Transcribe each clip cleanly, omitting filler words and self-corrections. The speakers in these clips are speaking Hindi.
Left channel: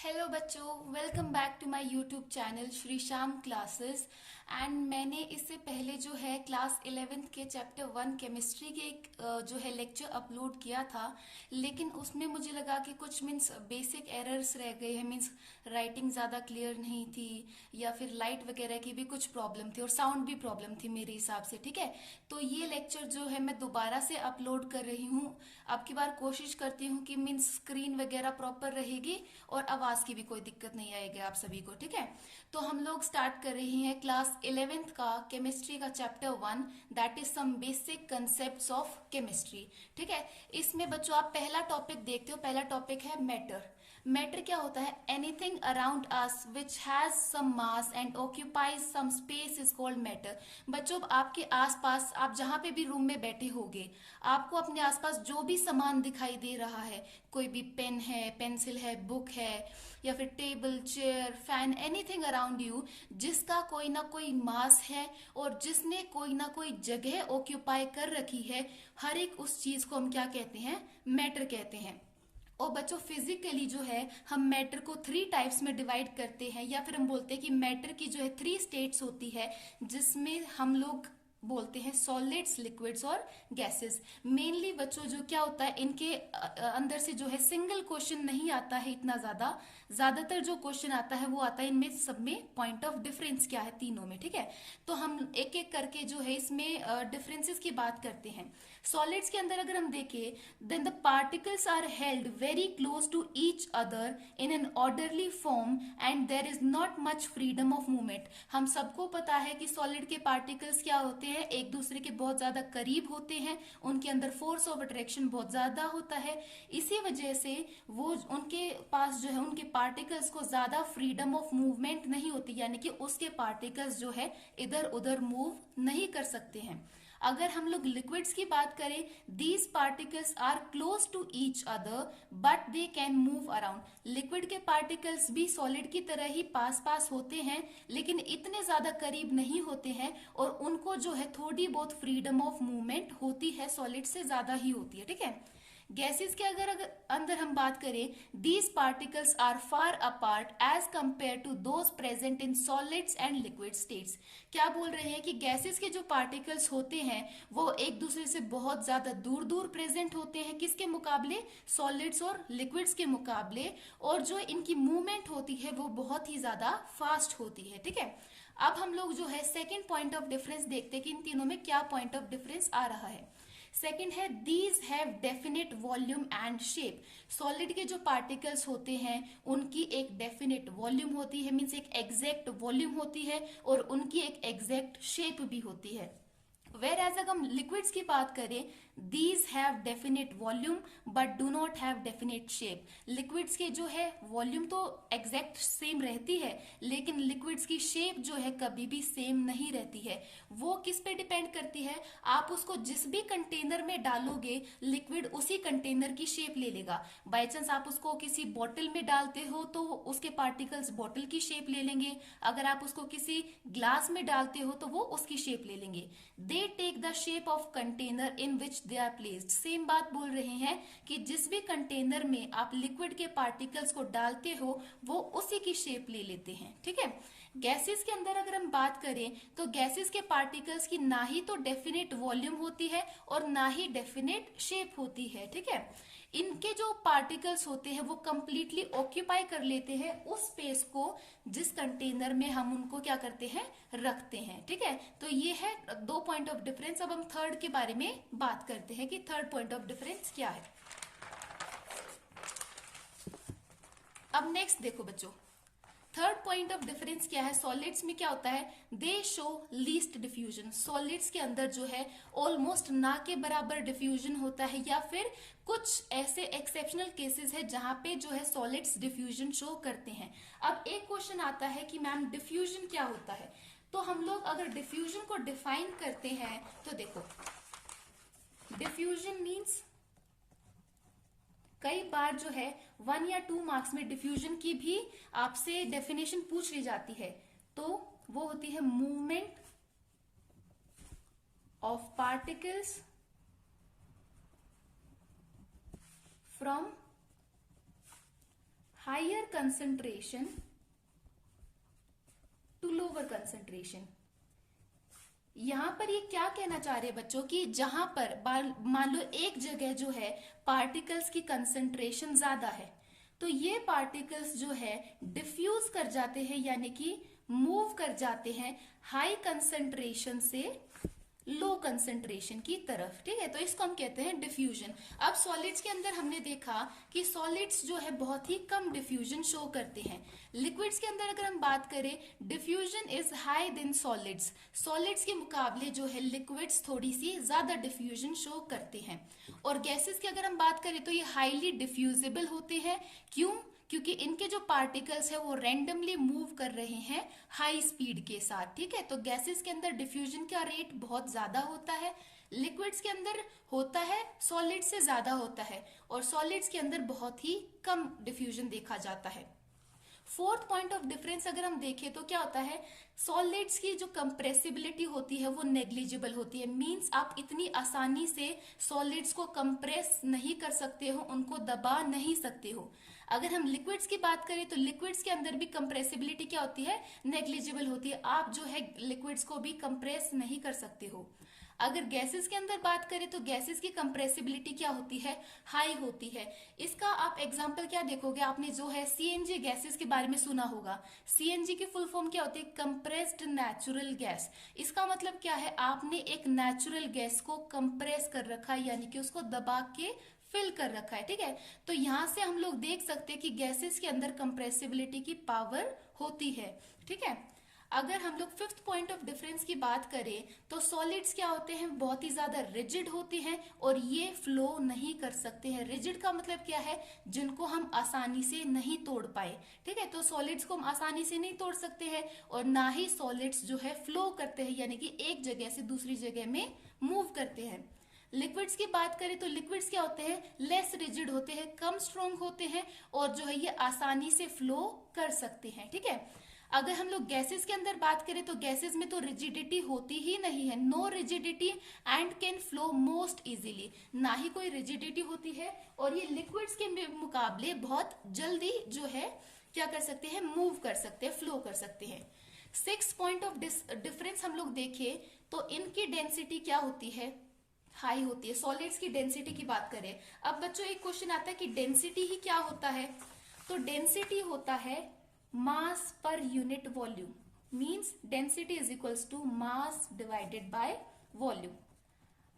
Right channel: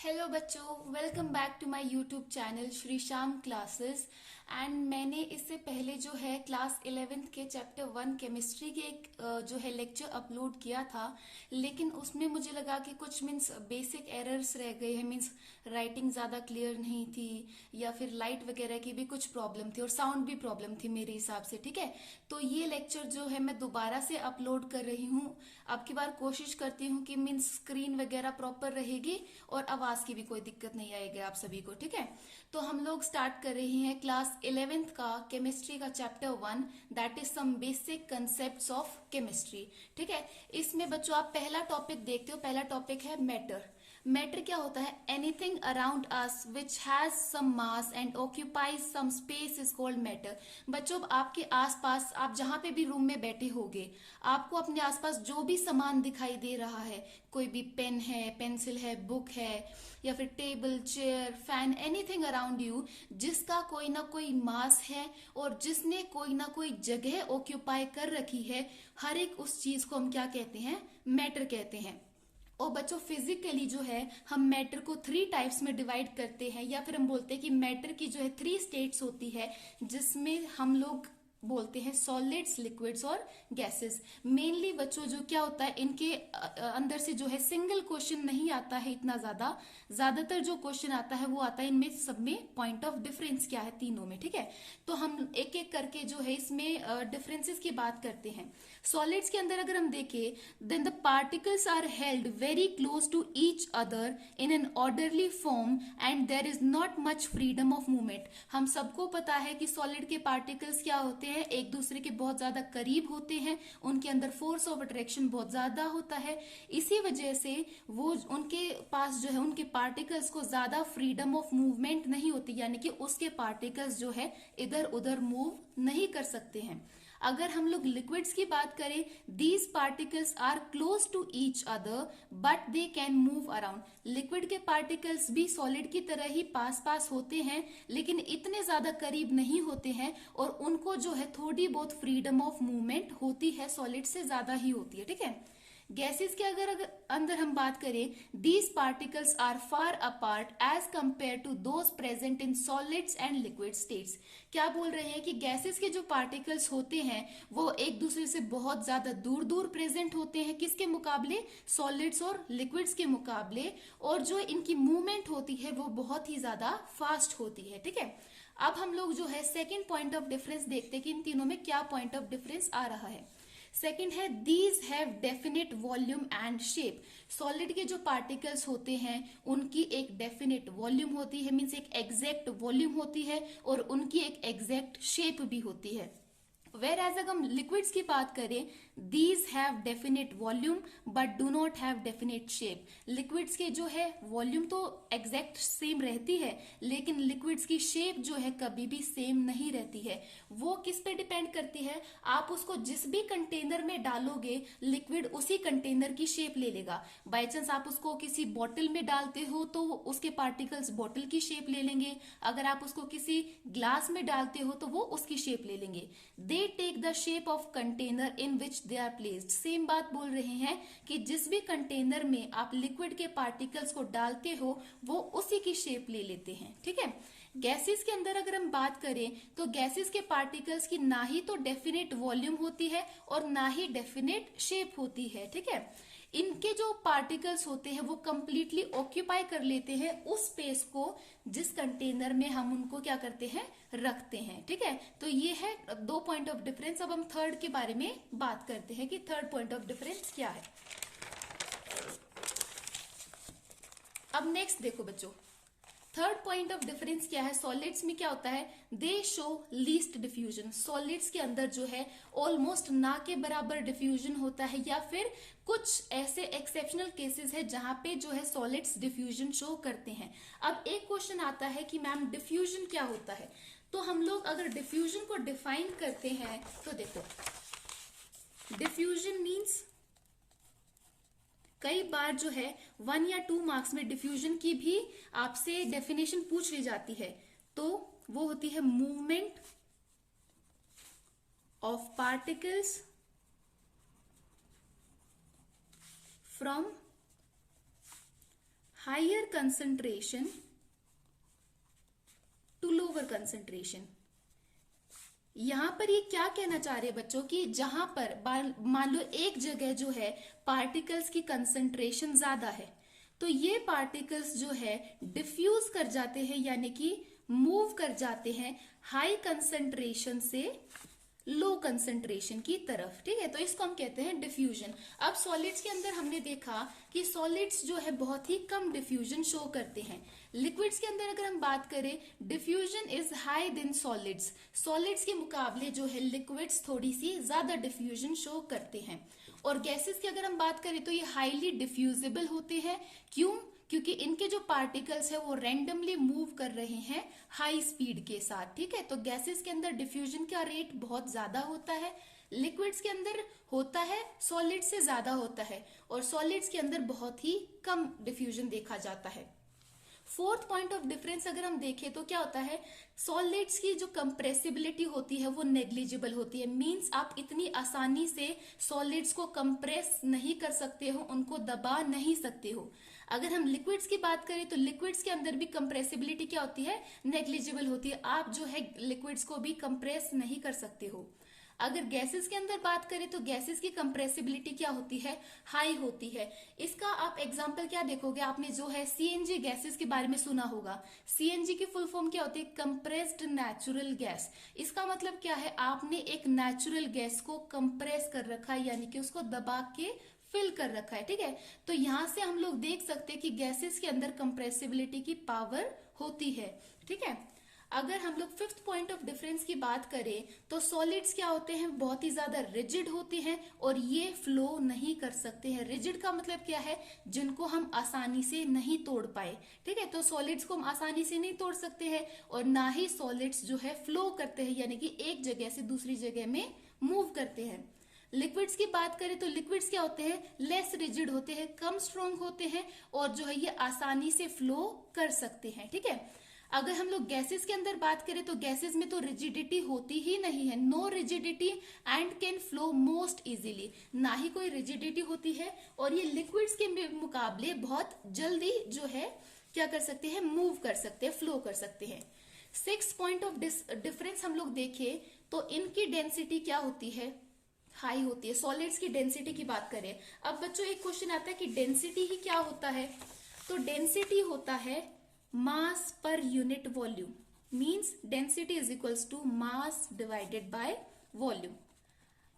हेलो बच्चों, welcome back to my YouTube channel Shri Shyam classes. And मैंने इससे पहले जो है क्लास 11th के चैप्टर 1 केमिस्ट्री के एक जो है लेक्चर अपलोड किया था, लेकिन उसमें मुझे लगा कि कुछ मीन्स बेसिक एरर्स रह गए हैं। मीन्स राइटिंग ज्यादा क्लियर नहीं थी या फिर लाइट वगैरह की भी कुछ प्रॉब्लम थी और साउंड भी प्रॉब्लम थी मेरे हिसाब से। ठीक है, तो ये लेक्चर जो है मैं दोबारा से अपलोड कर रही हूँ। अब की बार कोशिश करती हूँ कि मीन्स स्क्रीन वगैरह प्रॉपर रहेगी और आवाज की भी कोई दिक्कत नहीं आएगी आप सभी को। ठीक है, तो हम लोग स्टार्ट कर रहे हैं क्लास 11th का केमिस्ट्री का chapter 1, that is some basic concepts of chemistry. ठीक है, इसमें बच्चों आप पहला टॉपिक देखते हो। पहला टॉपिक है मैटर। मैटर क्या होता है? Anything around us which has some mass and occupies some space is called matter. बच्चों आपके आसपास, आप जहां पे भी रूम में बैठे होगे, आपको अपने आसपास जो भी सामान दिखाई दे रहा है, कोई भी पेन है, पेंसिल है, बुक है या फिर table, chair, fan, anything around you, जिसका कोई ना कोई मास है और जिसने कोई ना कोई जगह ऑक्यूपाई कर रखी है, हर एक उस चीज को हम क्या कहते हैं? मैटर कहते हैं। और बच्चों फिजिकली जो है हम मैटर को 3 टाइप्स में डिवाइड करते हैं, या फिर हम बोलते हैं कि मैटर की जो है 3 स्टेट्स होती है, जिसमें हम लोग बोलते हैं सॉलिड्स, लिक्विड्स और गैसेस। मेनली बच्चों जो क्या होता है, इनके अंदर से जो है सिंगल क्वेश्चन नहीं आता है इतना ज्यादातर जो क्वेश्चन आता है वो आता है इनमें सब में पॉइंट ऑफ डिफरेंस क्या है तीनों में। ठीक है, तो हम एक एक करके जो है इसमें डिफरेंसेस की बात करते हैं। सॉलिड्स के अंदर अगर हम देखें, then the particles are held very close to each other in an orderly form and there is not much freedom of movement. हम सबको पता है कि सॉलिड के पार्टिकल्स क्या होते हैं, एक दूसरे के बहुत ज्यादा करीब होते हैं, उनके अंदर फोर्स ऑफ अट्रैक्शन बहुत ज्यादा होता है। इसी वजह से वो उनके पास जो है उनके पार्टिकल्स को ज्यादा फ्रीडम ऑफ मूवमेंट नहीं होती, यानी कि उसके पार्टिकल्स जो है इधर उधर मूव नहीं कर सकते हैं। अगर हम लोग लिक्विड्स की बात करें, these particles are close to each other but they can move around. Liquid के पार्टिकल्स भी सॉलिड की तरह ही पास पास होते हैं, लेकिन इतने ज्यादा करीब नहीं होते हैं और उनको जो है थोड़ी बहुत फ्रीडम ऑफ मूवमेंट होती है, सॉलिड से ज्यादा ही होती है। ठीक है, गैसेस के अगर अंदर हम बात करें, these particles are far apart as compare to those present in solids and liquid states. क्या बोल रहे हैं कि गैसेस के जो पार्टिकल्स होते हैं वो एक दूसरे से बहुत ज्यादा दूर दूर प्रेजेंट होते हैं, किसके मुकाबले? सॉलिड्स और लिक्विड्स के मुकाबले। और जो इनकी मूवमेंट होती है वो बहुत ही ज्यादा फास्ट होती है। ठीक है, अब हम लोग जो है सेकेंड पॉइंट ऑफ डिफरेंस देखते हैं कि इन तीनों में क्या पॉइंट ऑफ डिफरेंस आ रहा है। सेकेंड है these have definite volume and shape. Solid के जो पार्टिकल्स होते हैं उनकी एक डेफिनेट वॉल्यूम होती है, मीन्स एक एग्जैक्ट वॉल्यूम होती है और उनकी एक एग्जैक्ट शेप भी होती है। वेर एज अगर हम लिक्विड्स की बात करें, these have definite volume but do not have definite shape. Liquids के जो है वॉल्यूम तो एग्जैक्ट सेम रहती है, लेकिन लिक्विड्स की शेप जो है कभी भी सेम नहीं रहती है। वो किस पे डिपेंड करती है? आप उसको जिस भी कंटेनर में डालोगे, लिक्विड उसी कंटेनर की शेप ले लेगा। बाई चांस आप उसको किसी बॉटल में डालते हो तो उसके पार्टिकल्स बॉटल की शेप ले लेंगे, अगर आप उसको किसी ग्लास में डालते हो तो वो उसकी शेप ले लेंगे। They take the shape of container in which they are placed. Same बात बोल रहे हैं कि जिस भी कंटेनर में आप लिक्विड के पार्टिकल्स को डालते हो वो उसी की शेप ले लेते हैं। ठीक है, गैसेस के अंदर अगर हम बात करें तो गैसेस के पार्टिकल्स की ना ही तो डेफिनेट वॉल्यूम होती है और ना ही डेफिनेट शेप होती है। ठीक है, इनके जो पार्टिकल्स होते हैं वो कंप्लीटली ऑक्यूपाई कर लेते हैं उस स्पेस को जिस कंटेनर में हम उनको क्या करते हैं? रखते हैं। ठीक है, तो ये है 2 पॉइंट ऑफ डिफरेंस। अब हम थर्ड के बारे में बात करते हैं कि थर्ड पॉइंट ऑफ डिफरेंस क्या है। अब नेक्स्ट देखो बच्चों, थर्ड पॉइंट ऑफ डिफरेंस क्या है? सॉलिड्स में क्या होता है? दे शो लीस्ट डिफ्यूजन। सॉलिड्स के अंदर जो है ऑलमोस्ट ना के बराबर डिफ्यूजन होता है, या फिर कुछ ऐसे एक्सेप्शनल केसेस है जहां पे जो है सॉलिड्स डिफ्यूजन शो करते हैं। अब एक क्वेश्चन आता है कि मैम डिफ्यूजन क्या होता है? तो हम लोग अगर डिफ्यूजन को डिफाइन करते हैं तो देखो, डिफ्यूजन मीन्स कई बार जो है 1 या 2 मार्क्स में डिफ्यूजन की भी आपसे डेफिनेशन पूछ ली जाती है, तो वो होती है movement of particles from higher concentration to lower concentration. यहां पर ये क्या कहना चाह रहे हैं बच्चों कि जहां पर मान लो एक जगह जो है पार्टिकल्स की कंसंट्रेशन ज्यादा है, तो ये पार्टिकल्स जो है डिफ्यूज कर जाते हैं, यानी कि मूव कर जाते हैं हाई कंसंट्रेशन से लो कंसंट्रेशन की तरफ। ठीक है, तो इसको हम कहते हैं डिफ्यूजन। अब सॉलिड्स के अंदर हमने देखा कि सॉलिड्स जो है बहुत ही कम डिफ्यूजन शो करते हैं। लिक्विड्स के अंदर अगर हम बात करें, diffusion is high then solids. Solids के मुकाबले जो है लिक्विड्स थोड़ी सी ज्यादा डिफ्यूजन शो करते हैं। और गैसेस की अगर हम बात करें तो ये हाईली डिफ्यूजिबल होते हैं। क्यों? क्योंकि इनके जो पार्टिकल्स है वो रैंडमली मूव कर रहे हैं हाई स्पीड के साथ। ठीक है, तो गैसेस के अंदर डिफ्यूजन का रेट बहुत ज्यादा होता है, लिक्विड्स के अंदर होता है सॉलिड से ज्यादा होता है, और सॉलिड्स के अंदर बहुत ही कम डिफ्यूजन देखा जाता है। फोर्थ पॉइंट ऑफ डिफरेंस अगर हम देखें तो क्या होता है, सॉलिड्स की जो कंप्रेसिबिलिटी होती है वो नेग्लिजिबल होती है। मींस आप इतनी आसानी से सॉलिड्स को कंप्रेस नहीं कर सकते हो, उनको दबा नहीं सकते हो। अगर हम लिक्विड्स की बात करें तो लिक्विड्स के अंदर भी कंप्रेसिबिलिटी क्या होती है, नेग्लिजिबल होती है। आप जो है लिक्विड्स को भी कंप्रेस नहीं कर सकते हो। अगर गैसेस के अंदर बात करें तो गैसेस की कंप्रेसिबिलिटी क्या होती है, हाई होती है। इसका आप एग्जांपल क्या देखोगे, आपने जो है सीएनजी गैसेस के बारे में सुना होगा। सीएनजी की फुल फॉर्म क्या होती है, कंप्रेस्ड नेचुरल गैस। इसका मतलब क्या है, आपने एक नेचुरल गैस को कंप्रेस कर रखा है, यानी कि उसको दबा के फिल कर रखा है। ठीक है, तो यहां से हम लोग देख सकते हैं कि गैसेस के अंदर कंप्रेसिबिलिटी की पावर होती है। ठीक है, अगर हम लोग फिफ्थ पॉइंट ऑफ डिफरेंस की बात करें तो सॉलिड्स क्या होते हैं, बहुत ही ज्यादा रिजिड होते हैं और ये फ्लो नहीं कर सकते हैं। रिजिड का मतलब क्या है, जिनको हम आसानी से नहीं तोड़ पाए। ठीक है, तो सॉलिड्स को हम आसानी से नहीं तोड़ सकते हैं, और ना ही सॉलिड्स जो है फ्लो करते हैं, यानी कि एक जगह से दूसरी जगह में मूव करते हैं। लिक्विड्स की बात करें तो लिक्विड्स क्या होते हैं, लेस रिजिड होते हैं, कम स्ट्रॉन्ग होते हैं, और जो है ये आसानी से फ्लो कर सकते हैं। ठीक है, अगर हम लोग गैसेस के अंदर बात करें तो गैसेस में तो रिजिडिटी होती ही नहीं है, no rigidity and can flow most easily. ना ही कोई रिजिडिटी होती है, और ये लिक्विड्स के मुकाबले बहुत जल्दी जो है क्या कर सकते हैं, मूव कर सकते हैं, फ्लो कर सकते हैं। सिक्स पॉइंट ऑफ डिफरेंस हम लोग देखें तो इनकी डेंसिटी क्या होती है, हाई होती है। सॉलिड्स की डेंसिटी की बात करें, अब बच्चों एक क्वेश्चन आता है कि डेंसिटी ही क्या होता है, तो डेंसिटी होता है मास पर unit volume. Means density is equals to mass divided by volume.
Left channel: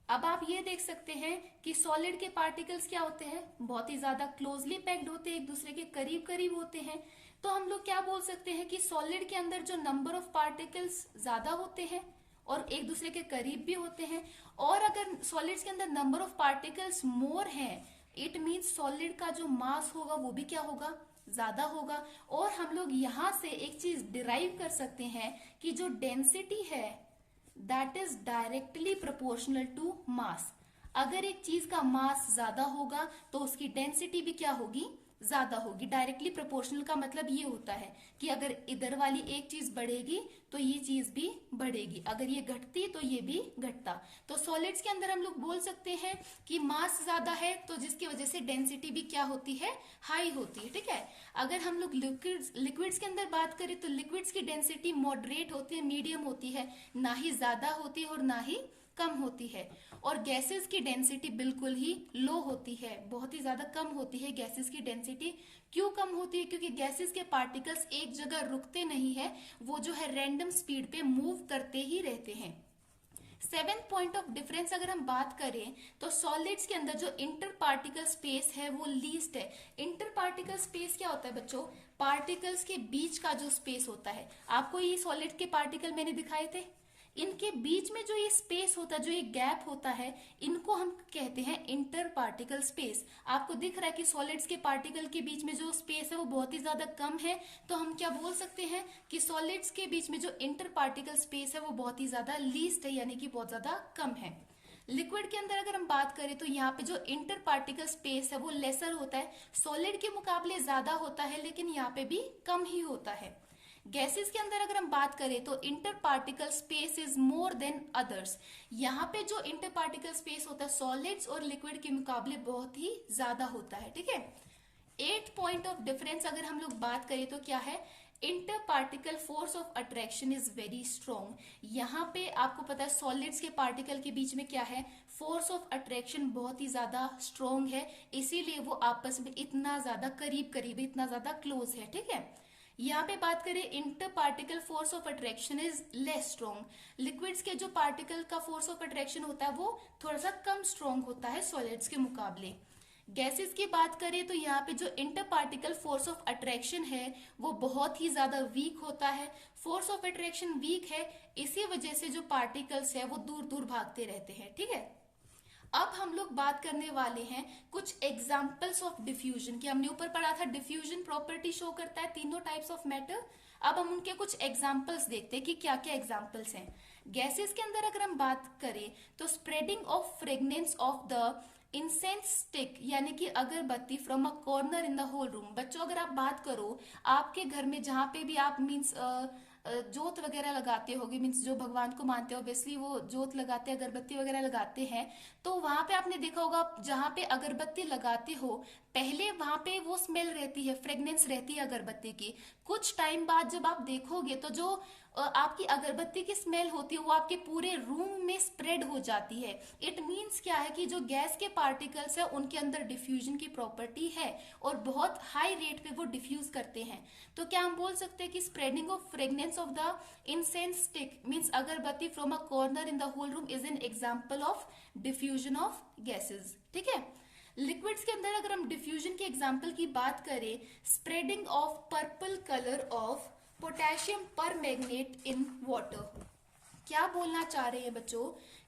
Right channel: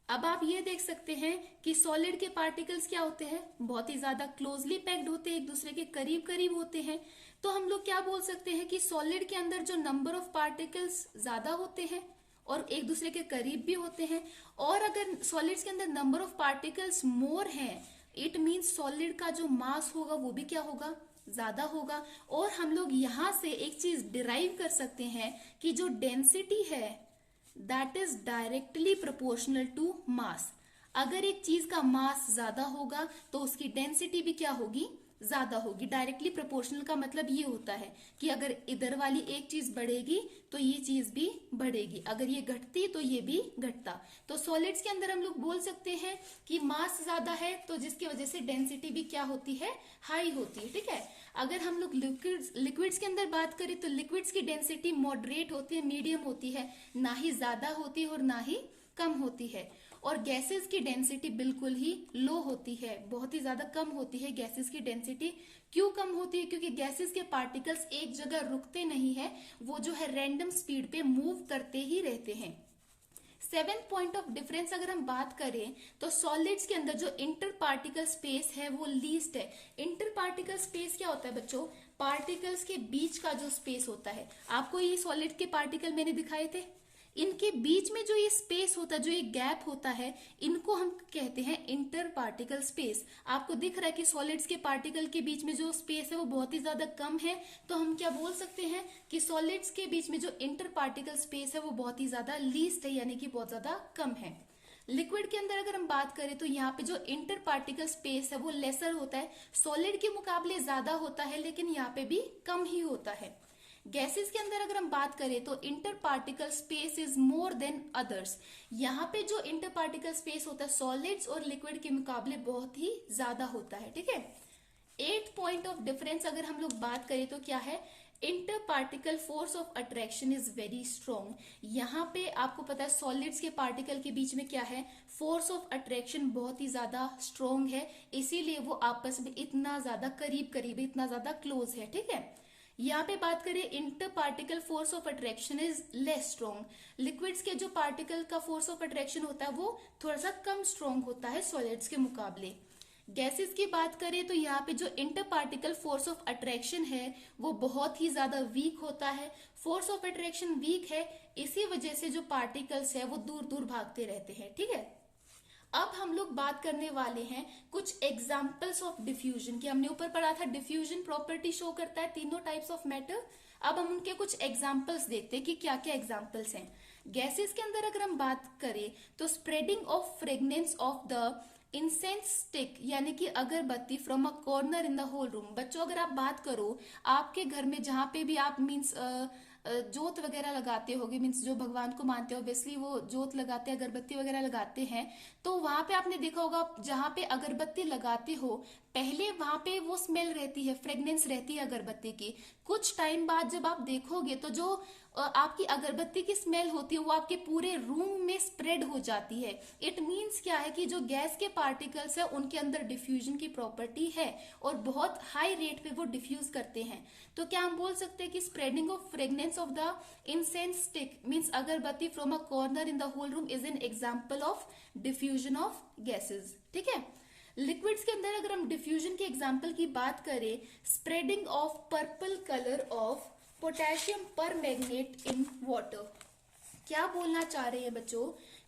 अब आप ये देख सकते हैं कि सॉलिड के पार्टिकल्स क्या होते हैं, बहुत ही ज्यादा क्लोजली पैक्ड होते हैं, एक दूसरे के करीब करीब होते हैं। तो हम लोग क्या बोल सकते हैं कि सॉलिड के अंदर जो नंबर ऑफ पार्टिकल्स ज्यादा होते हैं और एक दूसरे के करीब भी होते हैं। और अगर सॉलिड्स के अंदर नंबर ऑफ पार्टिकल्स मोर हैं, इट मीन्स सॉलिड का जो मास होगा वो भी क्या होगा, ज्यादा होगा। और हम लोग यहां से एक चीज डिराइव कर सकते हैं कि जो डेंसिटी है that is directly proportional to mass. अगर एक चीज का मास ज्यादा होगा तो उसकी डेंसिटी भी क्या होगी, ज्यादा होगी। डायरेक्टली प्रोपोर्शनल का मतलब ये होता है कि अगर इधर वाली एक चीज बढ़ेगी तो ये चीज भी बढ़ेगी, अगर ये घटती तो ये भी घटता। तो सॉलिड्स के अंदर हम लोग बोल सकते हैं कि मास ज्यादा है, तो जिसकी वजह से डेंसिटी भी क्या होती है, हाई होती है। ठीक है, अगर हम लोग लिक्विड्स के अंदर बात करें तो लिक्विड्स की डेंसिटी मॉडरेट होती है, मीडियम होती है, ना ही ज्यादा होती है और ना ही कम होती है। और गैसेस की डेंसिटी बिल्कुल ही लो होती है, बहुत ही ज्यादा कम होती है गैसेस की डेंसिटी। क्यों कम होती है, क्योंकि गैसेस के पार्टिकल्स एक जगह रुकते नहीं है, वो जो है रैंडम स्पीड पे मूव करते ही रहते हैं। सेवेंथ पॉइंट ऑफ डिफरेंस अगर हम बात करें तो सॉलिड्स के अंदर जो इंटर पार्टिकल स्पेस है वो लीस्ट है। इंटर पार्टिकल स्पेस क्या होता है बच्चों, पार्टिकल्स के बीच का जो स्पेस होता है। आपको ये सॉलिड के पार्टिकल मैंने दिखाए थे, इनके बीच में जो ये स्पेस होता है, जो ये गैप होता है, इनको हम कहते हैं इंटर पार्टिकल स्पेस। आपको दिख रहा है कि सॉलिड्स के पार्टिकल के बीच में जो स्पेस है वो बहुत ही ज्यादा कम है, तो हम क्या बोल सकते हैं कि सॉलिड्स के बीच में जो इंटर पार्टिकल स्पेस है वो बहुत ही ज्यादा लीस्ट है, यानी कि बहुत ज्यादा कम है। लिक्विड के अंदर अगर हम बात करें तो यहाँ पे जो इंटर पार्टिकल स्पेस है वो लेसर होता है, सॉलिड के मुकाबले ज्यादा होता है, लेकिन यहाँ पे भी कम ही होता है। गैसेस के अंदर अगर हम बात करें तो inter particle space is more than others. यहाँ पे जो इंटर पार्टिकल स्पेस होता है सॉलिड्स और लिक्विड के मुकाबले बहुत ही ज्यादा होता है। ठीक है, एट पॉइंट ऑफ डिफरेंस अगर हम लोग बात करें तो क्या है, inter particle force of attraction is very strong. यहाँ पे आपको पता है सॉलिड्स के पार्टिकल के बीच में क्या है, फोर्स ऑफ अट्रैक्शन बहुत ही ज्यादा स्ट्रॉन्ग है, इसीलिए वो आपस में इतना ज्यादा करीब करीब है, इतना ज्यादा क्लोज है। ठीक है, यहाँ पे बात करें inter particle force of attraction is less strong. Liquids के जो पार्टिकल का फोर्स ऑफ अट्रैक्शन होता है वो थोड़ा सा कम स्ट्रॉन्ग होता है सॉलिड्स के मुकाबले। गैसेस की बात करें तो यहाँ पे जो inter particle force of attraction है वो बहुत ही ज्यादा वीक होता है। फोर्स ऑफ अट्रैक्शन वीक है, इसी वजह से जो पार्टिकल्स है वो दूर दूर भागते रहते हैं। ठीक है, अब हम लोग बात करने वाले हैं कुछ एग्जाम्पल्स ऑफ डिफ्यूजन की। हमने ऊपर पढ़ा था डिफ्यूजन प्रॉपर्टी शो करता है तीनों टाइप्स ऑफ मैटर। अब हम उनके कुछ एग्जाम्पल्स देखते हैं कि क्या क्या एग्जाम्पल्स हैं। गैसेस के अंदर अगर हम बात करें तो spreading of fragrance of the incense stick, यानी कि अगरबत्ती from a corner in the whole room. बच्चों अगर आप बात करो आपके घर में जहां पे भी आप मीन्स जोत वगैरह लगाते होगे, मीन्स जो भगवान को मानते हो ऑब्वियसली वो जोत लगाते हैं, अगरबत्ती वगैरह लगाते हैं, तो वहां पे आपने देखा होगा जहां पे अगरबत्ती लगाते हो पहले वहां पे वो स्मेल रहती है, फ्रेग्रेंस रहती है अगरबत्ती की। कुछ टाइम बाद जब आप देखोगे तो जो आपकी अगरबत्ती की स्मेल होती है वो आपके पूरे रूम में स्प्रेड हो जाती है। इट मीन्स क्या है कि जो गैस के पार्टिकल्स है उनके अंदर डिफ्यूजन की प्रॉपर्टी है और बहुत हाई रेट पे वो डिफ्यूज करते हैं। तो क्या हम बोल सकते हैं कि spreading of fragrance of the incense stick means agarbatti from a corner in the whole room is an example of diffusion of gases. ठीक है, लिक्विड्स के अंदर अगर हम डिफ्यूजन के एग्जाम्पल की बात करें, spreading of purple colour of potassium पर मैग्नेट इन वाटर। क्या बोलना चाह रहे हैं बच्चों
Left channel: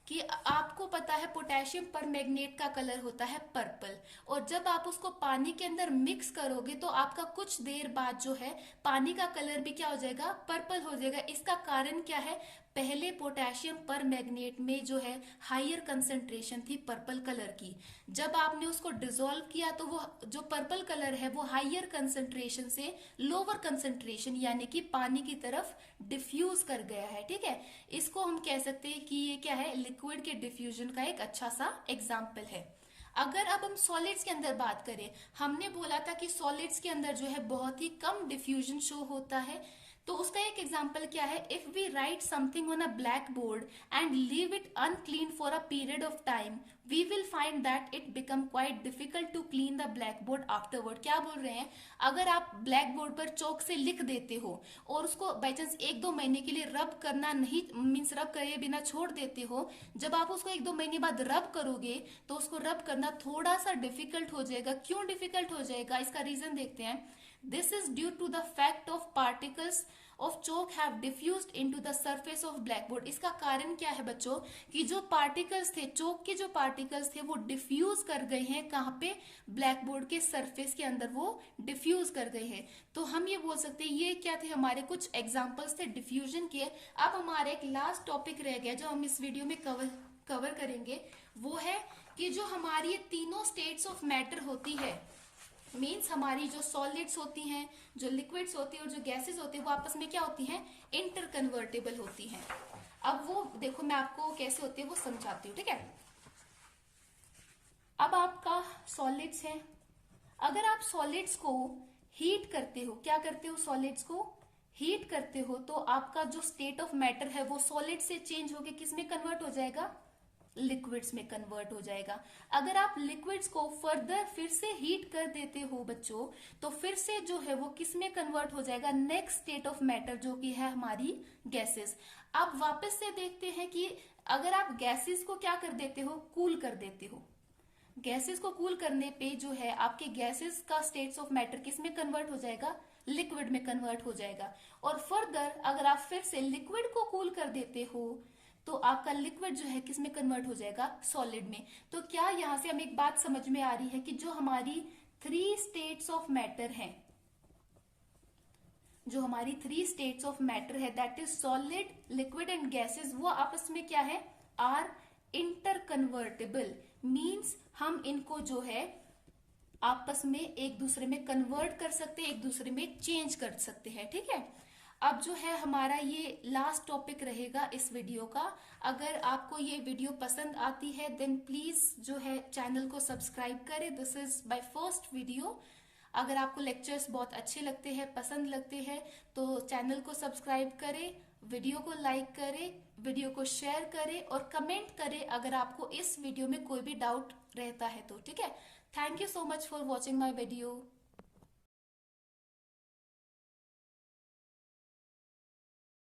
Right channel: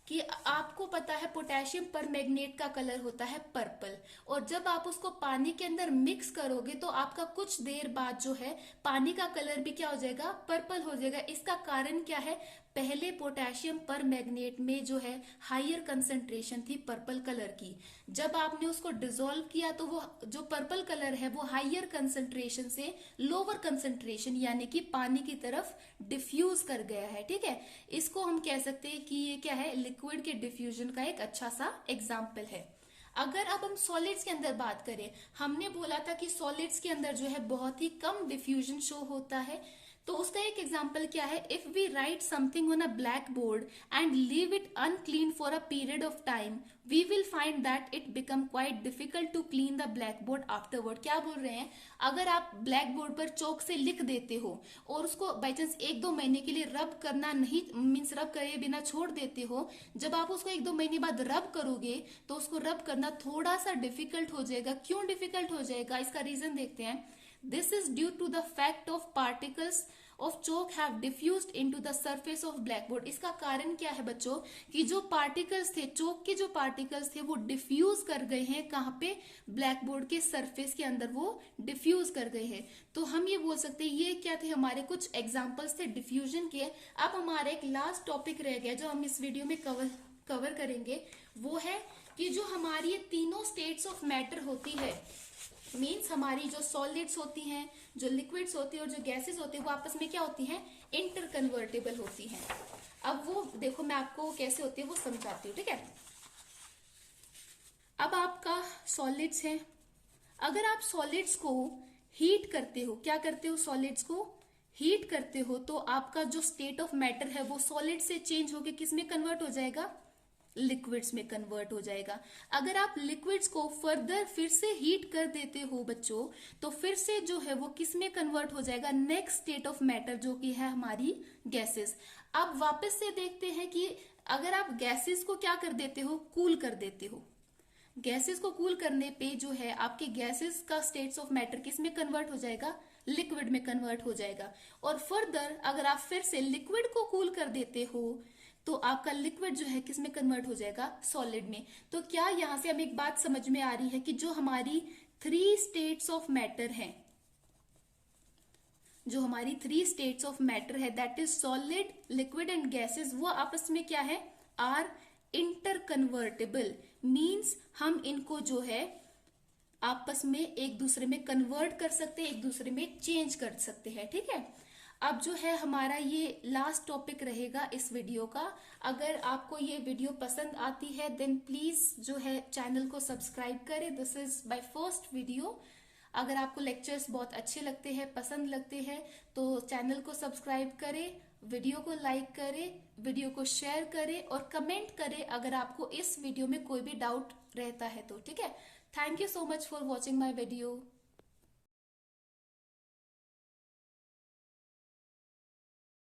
कि आपको पता है पोटेशियम पर मैग्नेट का कलर होता है पर्पल, और जब आप उसको पानी के अंदर मिक्स करोगे तो आपका कुछ देर बाद जो है पानी का कलर भी क्या हो जाएगा, पर्पल हो जाएगा। इसका कारण क्या है, पहले पोटेशियम पर मैग्नेट में जो है हायर कंसेंट्रेशन थी पर्पल कलर की, जब आपने उसको डिसॉल्व किया तो वो जो पर्पल कलर है वो हायर कंसेंट्रेशन से लोअर कंसेंट्रेशन यानी कि पानी की तरफ डिफ्यूज कर गया है। ठीक है, इसको हम कह सकते हैं कि ये क्या है, लिक्विड के डिफ्यूजन का एक अच्छा सा एग्जाम्पल है। अगर अब हम सॉलिड्स के अंदर बात करें, हमने बोला था कि सॉलिड्स के अंदर जो है बहुत ही कम डिफ्यूजन शो होता है, तो उसका एक एग्जाम्पल क्या है, if we write something on a blackboard and leave it unclean for a period of time we will find that it become quite difficult to clean the blackboard afterward. क्या बोल रहे हैं, अगर आप ब्लैक बोर्ड पर चौक से लिख देते हो और उसको बाई चांस एक दो महीने के लिए रब करना नहीं मीन्स रब करे बिना छोड़ देते हो, जब आप उसको एक दो महीने बाद रब करोगे तो उसको रब करना थोड़ा सा डिफिकल्ट हो जाएगा। क्यों डिफिकल्ट हो जाएगा, इसका रीजन देखते हैं। This is due to the fact of particles of chalk have diffused into the surface of blackboard। इसका कारण क्या है बच्चों कि जो पार्टिकल्स थे, चौक के जो पार्टिकल्स थे वो डिफ्यूज कर गए हैं, कहाँ पे, ब्लैक बोर्ड के सरफेस के अंदर वो डिफ्यूज कर गए हैं। तो हम ये बोल सकते हैं ये क्या थे, हमारे कुछ एग्जाम्पल्स थे डिफ्यूजन के। अब हमारा एक लास्ट टॉपिक रह गया जो हम इस वीडियो में कवर करेंगे, वो है कि जो हमारी ये तीनों स्टेट्स ऑफ मैटर होती है, मीन्स हमारी जो सॉलिड्स होती हैं, जो लिक्विड्स होती है और जो गैसेस होती है वो आपस में क्या होती हैं, इंटर कन्वर्टेबल होती हैं। अब वो देखो मैं आपको कैसे होती है वो समझाती हूँ। ठीक है, अब आपका सॉलिड्स है, अगर आप सॉलिड्स को हीट करते हो, क्या करते हो, सॉलिड्स को हीट करते हो, तो आपका जो स्टेट ऑफ मैटर है वो सॉलिड से चेंज होकर किस में कन्वर्ट हो जाएगा, लिक्विड्स में कन्वर्ट हो जाएगा। अगर आप लिक्विड्स को फर्दर फिर से हीट कर देते हो बच्चों, तो फिर से जो है वो किस में कन्वर्ट हो जाएगा, नेक्स्ट स्टेट ऑफ मैटर जो कि है हमारी गैसेस। अब वापस से देखते हैं कि अगर आप गैसेस को क्या कर देते हो, कूल कर देते हो, गैसेस को कूल करने पे जो है आपके गैसेस का स्टेट्स ऑफ मैटर किस में कन्वर्ट हो जाएगा, लिक्विड में कन्वर्ट हो जाएगा। और फर्दर अगर आप फिर से लिक्विड को कूल कर देते हो तो आपका लिक्विड जो है किस में कन्वर्ट हो जाएगा, सॉलिड में। तो क्या यहां से हमें एक बात समझ में आ रही है कि जो हमारी थ्री स्टेट्स ऑफ मैटर है, जो हमारी थ्री स्टेट्स ऑफ मैटर है that is solid, liquid and gases, वो आपस में क्या है, आर इंटर कन्वर्टेबल। मीन्स हम इनको जो है आपस में एक दूसरे में कन्वर्ट कर सकते हैं, एक दूसरे में चेंज कर सकते हैं। ठीक है, अब जो है हमारा ये लास्ट टॉपिक रहेगा इस वीडियो का। अगर आपको ये वीडियो पसंद आती है देन प्लीज जो है चैनल को सब्सक्राइब करें। This is my first video. अगर आपको लेक्चर्स बहुत अच्छे लगते हैं, पसंद लगते हैं, तो चैनल को सब्सक्राइब करें, वीडियो को लाइक करें, वीडियो को शेयर करें और कमेंट करें अगर आपको इस वीडियो में कोई भी डाउट रहता है तो। ठीक है। Thank you so much for watching my video.